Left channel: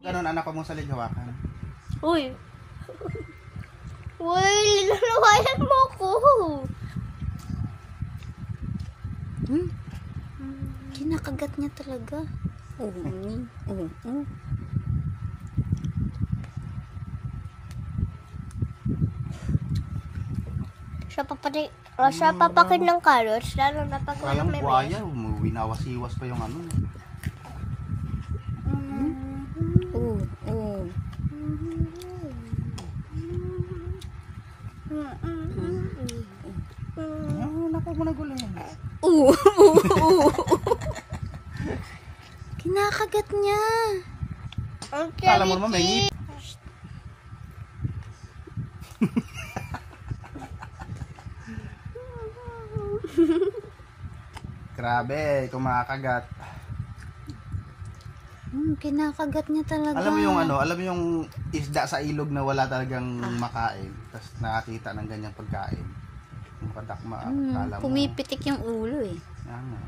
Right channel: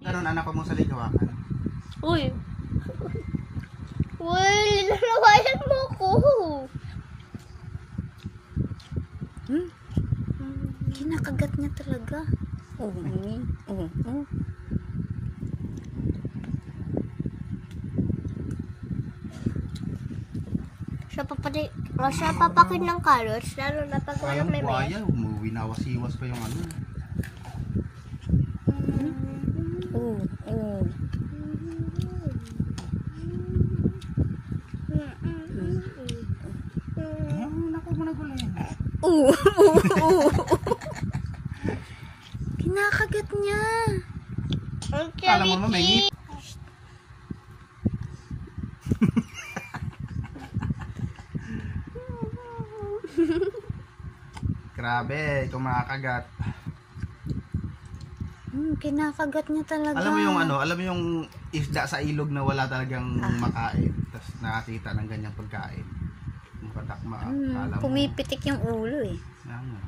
Ganon anak ko mong salit hawakan. Uy! Uy! Linulawayan mo ko! Kinakagat niya talaga. Siya papakin ng carrots, lalo na pag Kaya may buhaya, winawas-iwas pa yung ano. Naku mo na gulo yan. Kinakagat niya. Kala mo naman may Grabe, ito makakagat. Kinakagat niya talaga. Alam mo yung ano, alam mo yung isda sa ilog na wala talagang makain. Tapos nakakita ng ganyang pagkain. Yung kadakma, kala mo. Pumipitik yung ulo eh. Yan nga.